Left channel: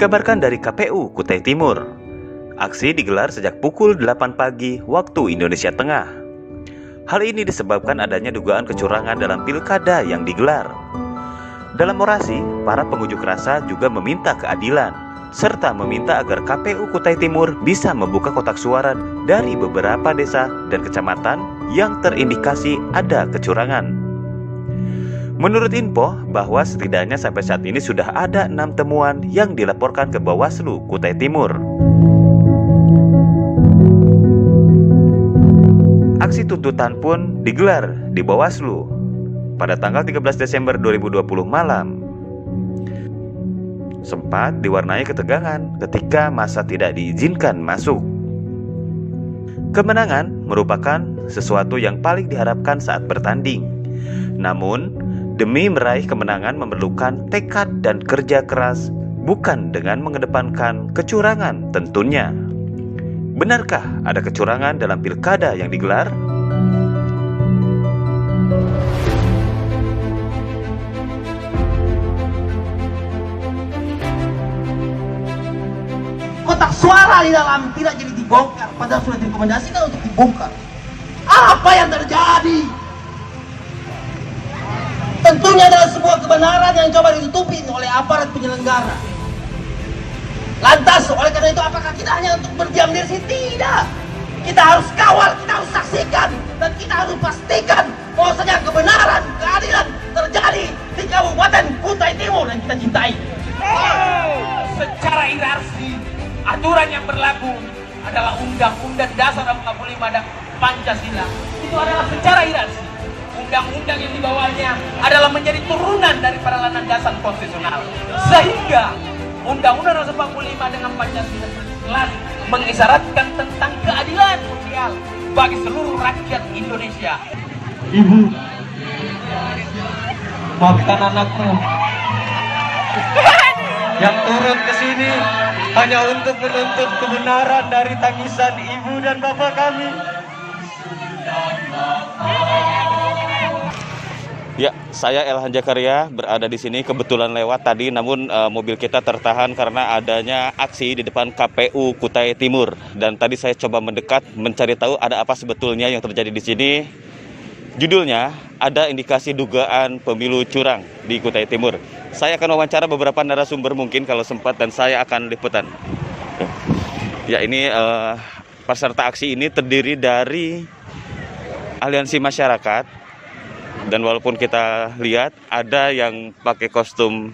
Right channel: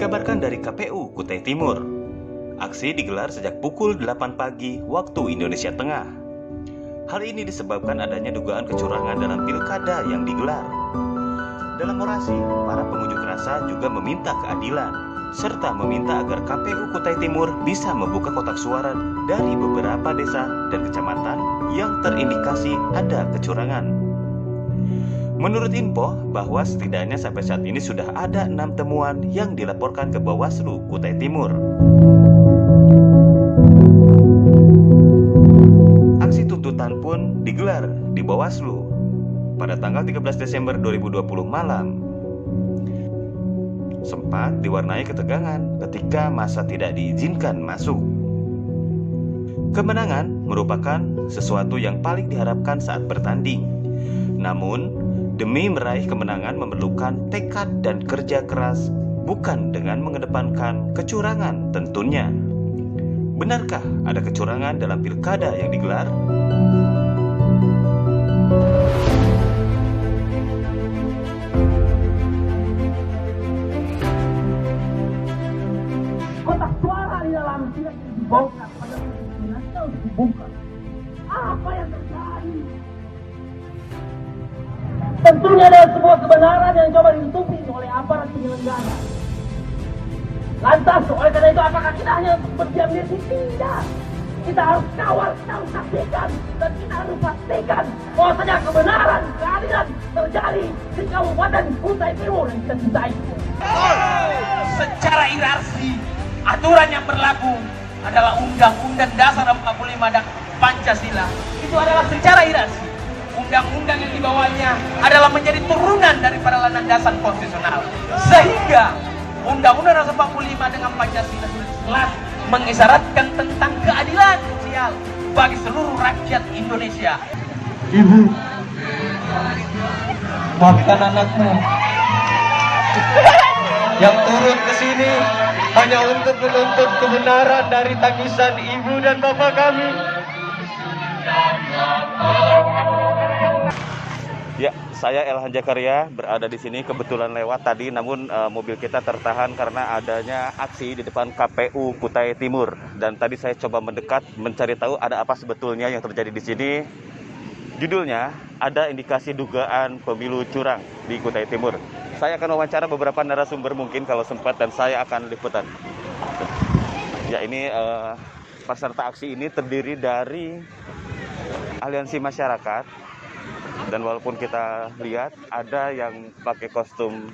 Dikabarkan dari KPU Kutai Timur, aksi digelar sejak pukul 8 pagi waktu Indonesia Tengah. Hal ini disebabkan adanya dugaan kecurangan dalam pilkada yang digelar. Dalam orasi, para pengunjuk rasa juga meminta keadilan, serta meminta agar KPU Kutai Timur bisa membuka kotak suara dari beberapa desa dan kecamatan yang terindikasi ada kecurangan. Menurut info, bahwa setidaknya sampai saat ini sudah ada 6 temuan yang dilaporkan ke Bawaslu Kutai Timur. Aksi tuntutan pun digelar di Bawaslu pada tanggal 13 Desember 2020 malam. Sempat diwarnai ketegangan ketika massa tidak diizinkan masuk. Kemenangan merupakan sesuatu yang paling diharapkan saat bertanding. Namun, demi meraih kemenangan memerlukan tekad dan kerja keras, bukan dengan mengedepankan kecurangan tentunya. Benarkah ada kecurangan dalam pilkada yang digelar? Kotak suara di dalam tidak jadi dibongkar, padahal sudah direkomendasikan untuk dibongkar. Apa yang terjadi? Tentunya adalah sebuah kebenaran yang coba ditutupi oleh aparat penyelenggara. Lantas, oleh karena itu apakah kita hanya untuk berdiam diri sini? Tidak. Kita harus kawal, kita harus saksikan, dan kita harus pastikan bahwasanya kebenaran, keadilan terjadi di Kabupaten Kutai Timur yang kita cintai. Secara hierarki, aturan yang berlaku adalah Undang-Undang Dasar 45 dan Pancasila. Itu adalah secara hierarki. Undang-undang yang dibawanya adalah menjadi turunan daripada landasan konstitusional. Sehingga Undang-Undang Dasar 45 dengan Pancasila jelas mengisyaratkan tentang keadilan sosial bagi seluruh rakyat Indonesia. Ibu, maafkan anakmu yang turun ke sini hanya untuk menuntut kebenaran dari tangisan ibu dan bapak kami. Ya, saya Elhan Jakaria berada di sini, kebetulan lewat tadi, namun mobil kita tertahan karena adanya aksi di depan KPU Kutai Timur. Dan tadi saya coba mendekat mencari tahu ada apa sebetulnya yang terjadi di sini. Judulnya, ada indikasi dugaan pemilu curang di Kutai Timur. Saya akan wawancara beberapa narasumber mungkin kalau sempat, dan saya akan liputan. Ya, ini peserta aksi ini terdiri dari aliansi masyarakat. Dan walaupun kita lihat ada yang pakai kostum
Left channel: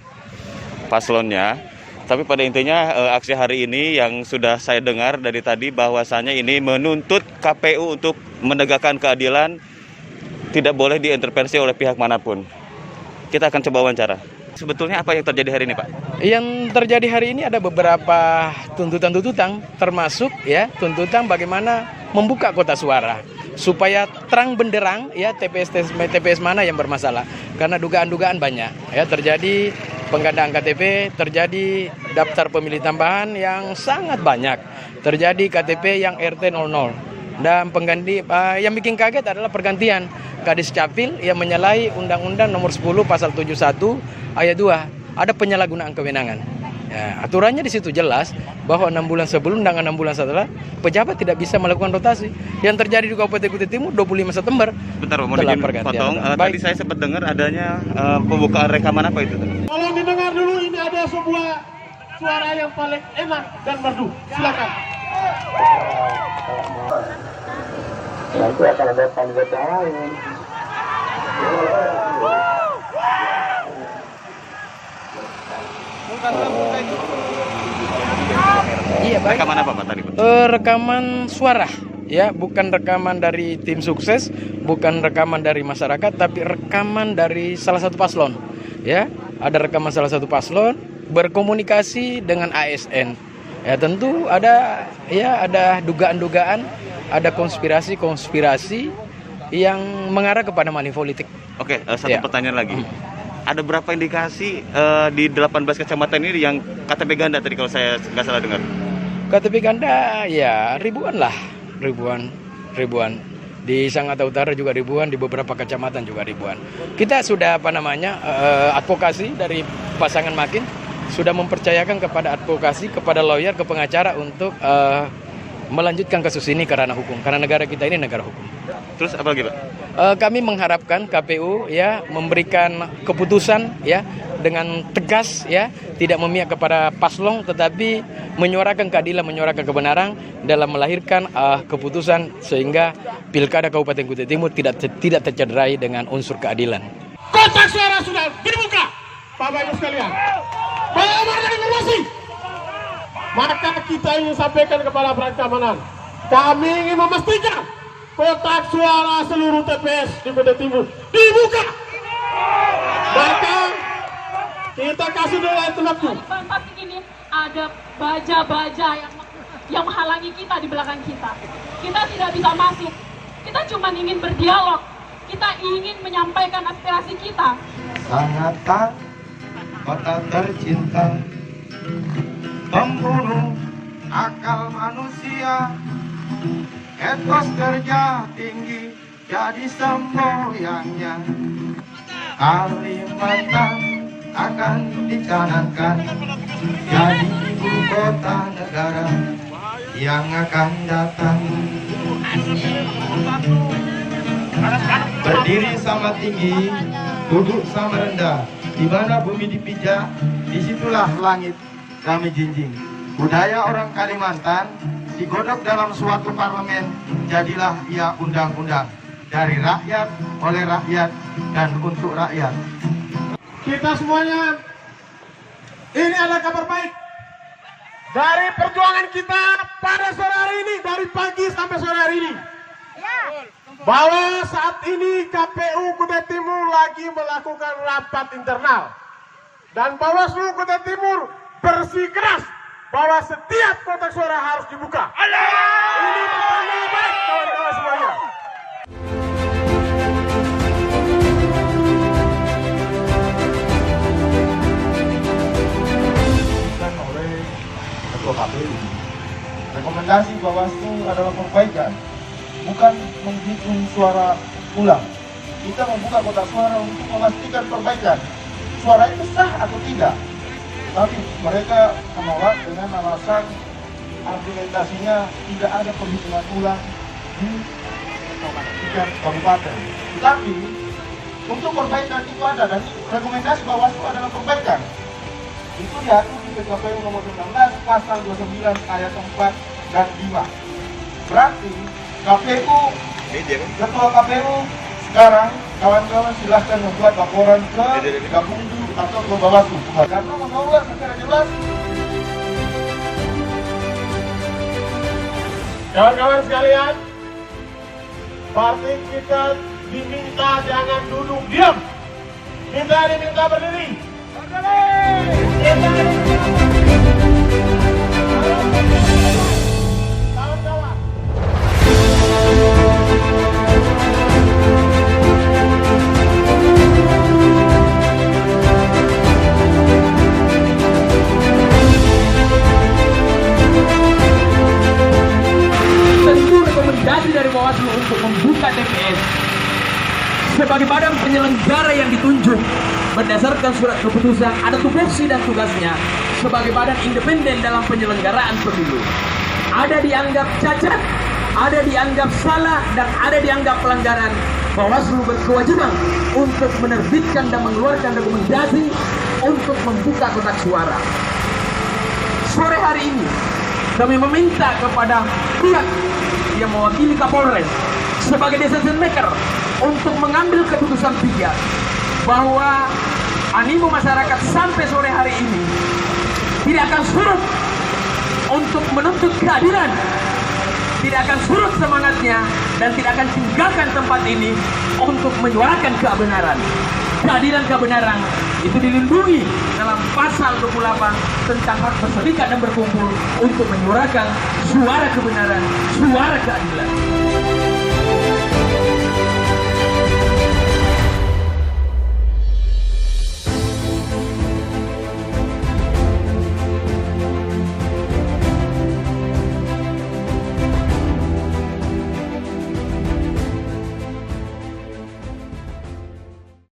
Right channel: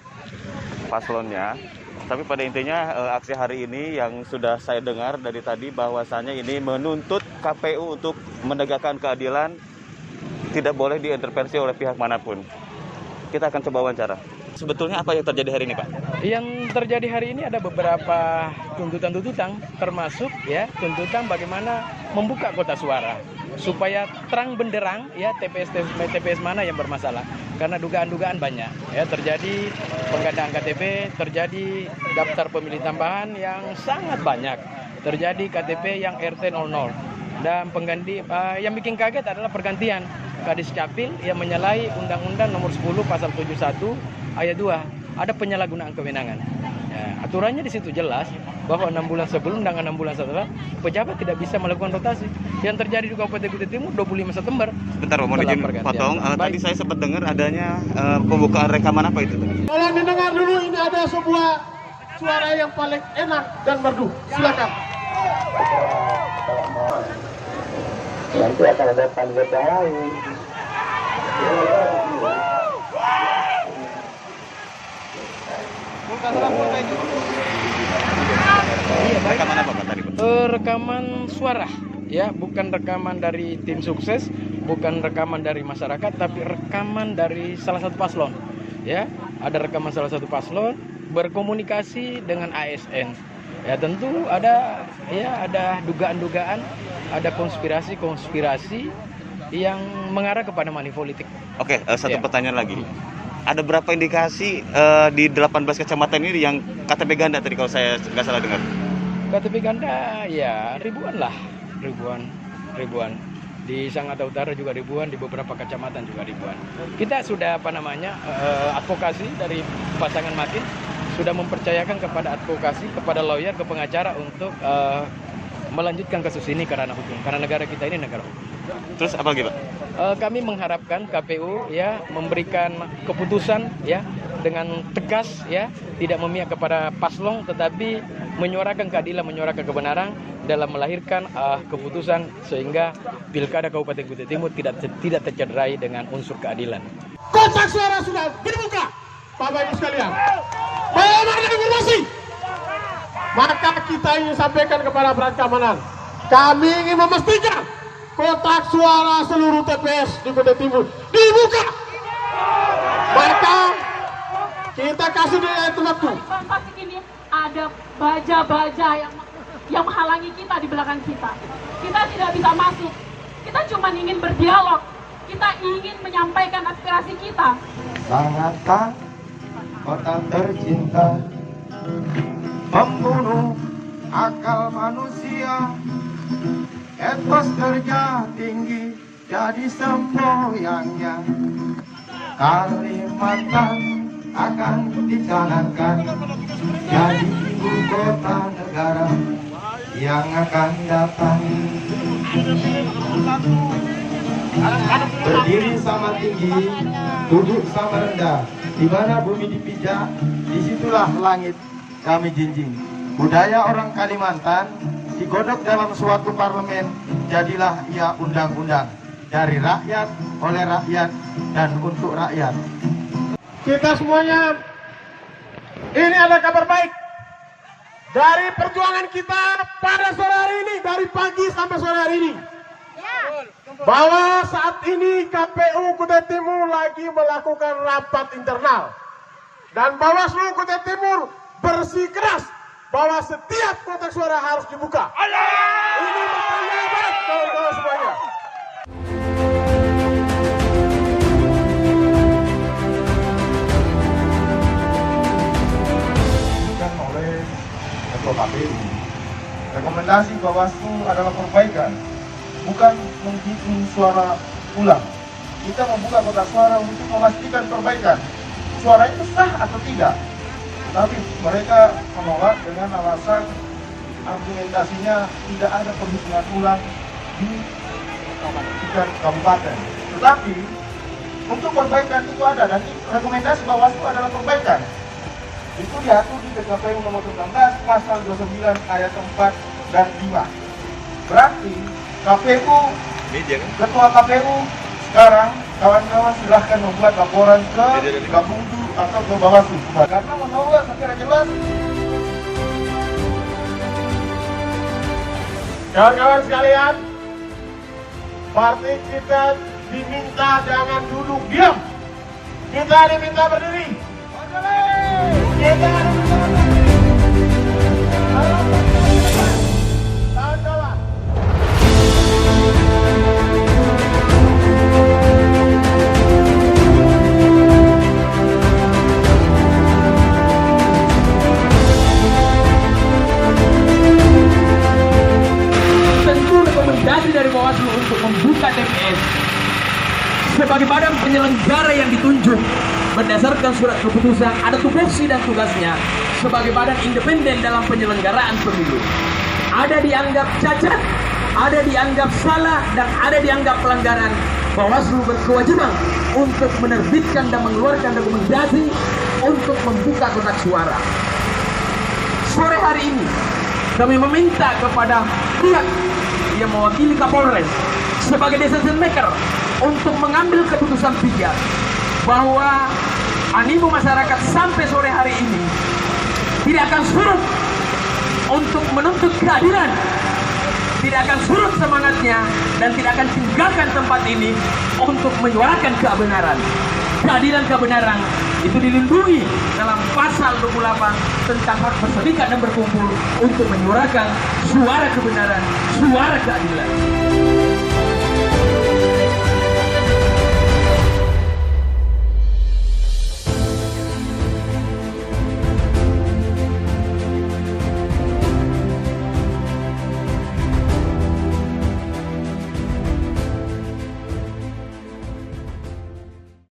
paslonnya, tapi pada intinya aksi hari ini yang sudah saya dengar dari tadi bahwasanya ini menuntut KPU untuk menegakkan keadilan, tidak boleh diintervensi oleh pihak manapun. Kita akan coba wawancara. Sebetulnya apa yang terjadi hari ini, Pak? Yang terjadi hari ini ada beberapa tuntutan-tuntutan, termasuk ya tuntutan bagaimana membuka kotak suara supaya terang benderang ya TPS mana yang bermasalah, karena dugaan-dugaan banyak ya, terjadi penggandaan KTP, terjadi daftar pemilih tambahan yang sangat banyak, terjadi KTP yang RT 00, dan pengganti yang bikin kaget adalah pergantian Kadis Capil yang menyalahi Undang-Undang Nomor 10 Pasal 71 Ayat 2, ada penyalahgunaan kewenangan. Ya, aturannya di situ jelas bahwa 6 bulan sebelum dan 6 bulan setelah pejabat tidak bisa melakukan rotasi. Yang terjadi di Kabupaten Kutai Timur 25 September. Bentar, mohon izin potong. Tadi saya sempat dengar adanya pembukaan rekaman apa itu? Tolong didengar dulu, ini ada sebuah suara yang paling enak dan merdu. Silakan. Nanti akan ada kandidat yang lain. Rekaman apa, Pak, tadi? Rekaman suara ya, bukan rekaman dari tim sukses, bukan rekaman dari masyarakat, tapi rekaman dari salah satu paslon ya. Ada rekaman salah satu paslon berkomunikasi dengan ASN ya. Tentu ada dugaan-dugaan, ada konspirasi yang mengarah kepada money politik. Oke, satu pertanyaan lagi. Ada berapa indikasi di 18 kecamatan ini yang KTP ganda tadi kalau saya nggak salah dengar? KTP ganda ya ribuan. Di Sangatta Utara juga ribuan, di beberapa kecamatan juga ribuan. Kita sudah advokasi dari pasangan Makin sudah mempercayakan kepada advokasi, kepada lawyer, ke pengacara untuk melanjutkan kasus ini ke ranah hukum, karena negara kita ini negara hukum. Terus apa lagi, Pak? Kami mengharapkan KPU ya memberikan keputusan ya dengan tegas ya, tidak memihak kepada paslon tetapi menyuarakan keadilan, menyuarakan kebenaran dalam melahirkan keputusan sehingga Pilkada Kabupaten Kutai Timur tidak tercederai dengan unsur keadilan. Kotak suara sudah dibuka, Bapak Ibu sekalian. Bagaimana informasi? Maka kita ingin sampaikan kepada aparat keamanan, kami ingin memastikan kotak suara seluruh TPS di Kutai Timur dibuka. Maka kita kasih dulu itu waktu. Pasti ini ada baja-baja yang menghalangi kita di belakang kita. Kita tidak bisa masuk. Kita cuma ingin berdialog. Kita ingin menyampaikan aspirasi kita. Daratan kota tercinta, pembunuh akal manusia, etos kerja tinggi jadi semboyannya. Kalimantan akan dicanangkan jadi ibu kota negara yang akan datang. Berdiri sama tinggi, duduk sama rendah. Di mana bumi dipijak, disitulah langit kami jinjing. Budaya orang Kalimantan digodok dalam suatu parlemen, jadilah ia undang-undang. Dari rakyat, oleh rakyat, dan untuk rakyat. Kita semuanya, ini ada kabar baik dari perjuangan kita pada sore hari ini, dari pagi sampai sore hari ini, bahwa saat ini KPU Kutai Timur lagi melakukan rapat internal dan Bawaslu Kutai Timur bersikeras bahwa setiap kotak suara harus dibuka. Ini pertanda baik kawan-kawan semuanya. Oleh Ketua KPU, rekomendasi Bawaslu adalah perbaikan, bukan menghitung suara ulang. Kita membuka kotak suara untuk memastikan perbaikan. Suara itu sah atau tidak. Tapi mereka menolak dengan alasan argumentasinya tidak ada penghitungan ulang di kabupaten. Tetapi untuk perbaikan itu ada, dan rekomendasi Bawaslu adalah perbaikan. Itu diatur di PKPU nomor 19 pasal 29 ayat 4 dan 5. Berarti KPU, Ketua KPU sekarang kawan-kawan silahkan membuat laporan ke Gakumdu atau ke Bawaslu karena menolak secara jelas. Kawan-kawan sekalian, partai kita diminta jangan duduk diam. Kita diminta berdiri. Kita diminta berdiri. Kawan-kawan. Tentu rekomendasi dari Bawaslu untuk membuka TPS sebagai badan penyelenggara yang ditunjuk berdasarkan surat keputusan, ada tupoksi dan tugasnya sebagai badan independen dalam penyelenggaraan pemilu. Ada dianggap cacat, ada dianggap salah, dan ada dianggap pelanggaran. Bawaslu berkewajiban untuk menerbitkan dan mengeluarkan rekomendasi untuk membuka kotak suara. Sore hari ini kami meminta kepada pihak yang mewakili Kapolres sebagai decision maker untuk mengambil keputusan bijak bahwa animo masyarakat sampai sore hari ini tidak akan surut untuk menuntut keadilan, tidak akan surut semangatnya, dan tidak akan tinggalkan tempat ini untuk menyuarakan kebenaran. Keadilan kebenaran itu dilindungi dalam pasal 28 tentang hak berserikat dan berkumpul untuk menyuarakan suara kebenaran, suara keadilan.